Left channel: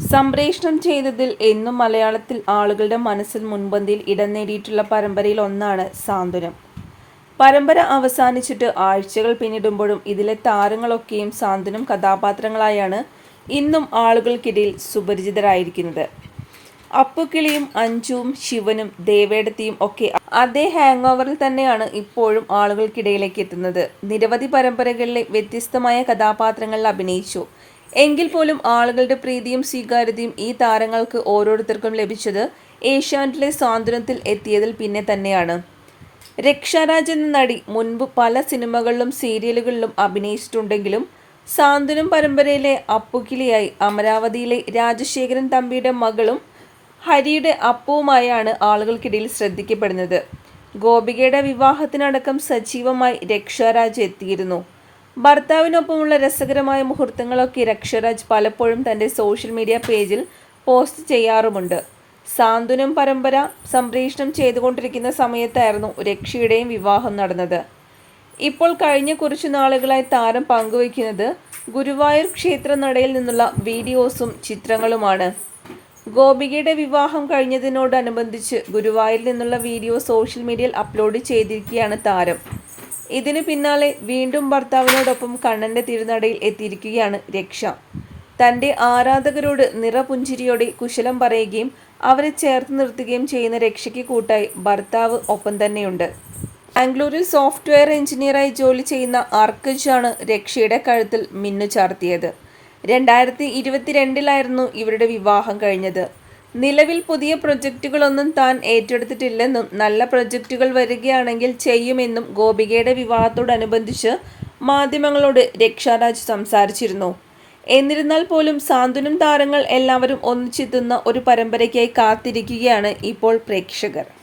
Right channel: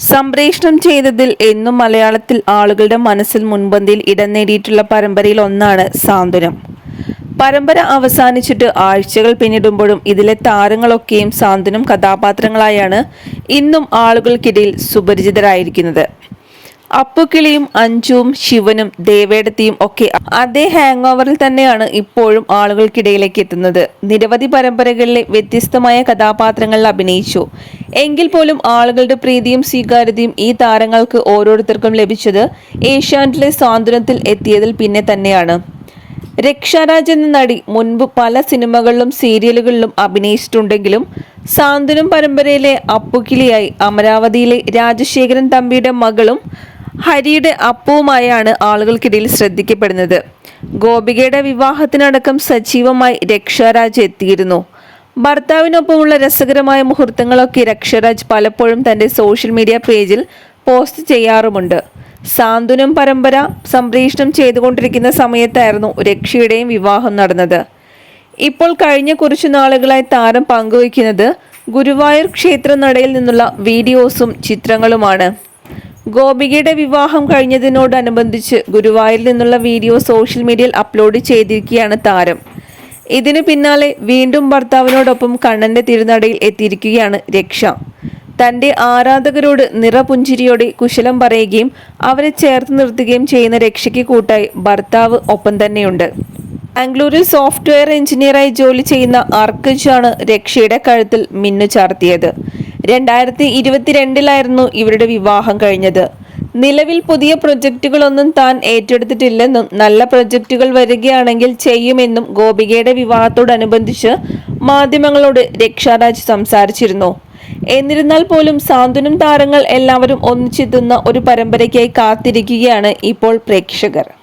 സംപ്രേഷണം ചെയ്തതിൽ എന്നും മലയാളത്തിൽ ആളുകളുടെ മനസ്സിൽ മുൻപന്തിയിൽ ഇടം നേടിയിട്ടുള്ള പരമ്പരയിൽ ഒന്നാണ് സാന്ത്വനം. പരമ്പര അവസാനിച്ചിട്ട് ആഴ്ചകൾ പിന്നിടുമ്പോഴും ഇതിലെ താരങ്ങളൊക്കെയും സാന്ത്വനം കഥാപാത്രങ്ങളായാണ് ഇന്നും ആളുകൾക്കിടയിൽ സുപരിചിതരായിരിക്കുന്നത്. അപ്പുക്കിളിയും അഞ്ജുവും ശിവനും ദേവേടത്തിയും ഒക്കെ അതേ ഹാങ് ഓവറിൽ തന്നെയാണ് ഇപ്പോഴും ആളുകൾക്കിടയിലേക്ക് എത്തുന്നത്. നിരവധി പരമ്പരകളിലെ വ്യത്യസ്തമായ കഥാപാത്രങ്ങളിൽ അഭിനയിച്ചു. എങ്കിൽ പോലും ആളുകളുടെ പ്രീതിയും സ്വീകാര്യതയും ഈ താരങ്ങൾക്ക് ഓരോരുത്തർക്കും ലഭിച്ചത് ഏഷ്യാനെറ്റിലെ സാന്ത്വനത്തിൽ എത്തിയതിൽ പിന്നെ തന്നെയാണ്. രക്ഷാരാജ് എന്ന നടി മുൻപ് പല സിനിമകളിലും സീരിയലുകളിലും അഭിനയിച്ചിട്ടുണ്ടെങ്കിലും സാന്ത്വനം പരമ്പരയിലെ അപ്പുക്കിളിയായി അമരാവതിയിലെ രാജശേഖരൻ തമ്പിയുടെ മകളും ഹരിയുടെ അപ്പവുമായാണ് ആളുകൾക്കിടയിൽ ശ്രദ്ധിക്കപ്പെടുന്നത്. ഗോപികയുടെ വിവാഹത്തിനടക്കം സജീവമായി രക്ഷാരാജ് എത്തിയിരുന്നു. ഭർത്താവിനൊപ്പമുള്ള രസകരമായ മുഹൂർത്തങ്ങളൊക്കെ രക്ഷാരാജ് പലപ്പോഴും തന്റെ സോഷ്യൽ മീഡിയ പേജിൽ പോസ്റ്റ് ചെയ്യാറുമുണ്ട്. സാന്ത്വനം പരമ്പര സംപ്രേഷണം ചെയ്തുകൊണ്ടിരിക്കുന്ന സമയത്തായിരുന്നു രക്ഷയുടെയും വിവാഹം നടന്നത്. ഇപ്പോൾ കഴിഞ്ഞ കുറച്ചു നാളുകളായി താരം പങ്കുവയ്ക്കുന്നത് ഗുരുവായൂർ ക്ഷേത്ര നടയിൽ നിന്നുള്ള വീഡിയോസും ചിത്രങ്ങളുമാണ്. ഗോപികയുടെ വിവാഹം കഴിഞ്ഞതിനോടനുബന്ധിച്ച് ഗുരുവായൂരിൽ നിന്നുള്ള വീഡിയോ സോഷ്യൽ മീഡിയയിൽ അപ്ലോഡ് ചെയ്തിരിക്കുകയാണ് താരം. ഇതിന് പിന്നാലെ വീണ്ടും ഭർത്താവിനോടൊപ്പം കണ്ണന്റെ തിരുനടയിൽ എത്തിയിരിക്കുകയാണ് രക്ഷ. തന്റെ ആരാധകരോട് നിറപുഞ്ചിരിയോടെ കുശലം പറയുകയും അവരെ ചേർത്ത് നിർത്തുകയും ചെയ്യുന്ന രക്ഷയ്ക്ക് കൂട്ടായി ഭർത്താവ് ഒപ്പം തന്നെയുണ്ട്. ബാംഗ്ലൂരിൽ സോഫ്റ്റ്വെയർ എഞ്ചിനീയറായി ജോലി ചെയ്യുന്ന അർക്കജാണ് രക്ഷയുടെ കഴുത്തിൽ മിന്നു ചാർത്തിയത്. 2022 ഇവരുടെ വിവാഹം കഴിഞ്ഞത്. നിലവിൽ പുതിയ പ്രൊജക്റ്റുകളൊന്നും താൻ ഏറ്റെടുത്തിട്ടില്ലെന്നും നല്ല പ്രൊജക്റ്റുകൾ വരികയാണെങ്കിൽ ചെയ്യുമെന്നും ഗോപികയുടെ വിവാഹത്തോടനുബന്ധിച്ച് മാധ്യമങ്ങളോട് രക്ഷാരാജ് സംസാരിച്ചിരുന്നു. എന്നിരുന്നാൽ പോലും സാന്ത്വനം താരങ്ങൾ എല്ലാവരും ഒന്നിച്ചെത്തുന്ന ഒരു പരമ്പരയ്ക്കായി കാത്തിരിക്കുകയാണ് ഇപ്പോൾ പ്രേക്ഷകർ.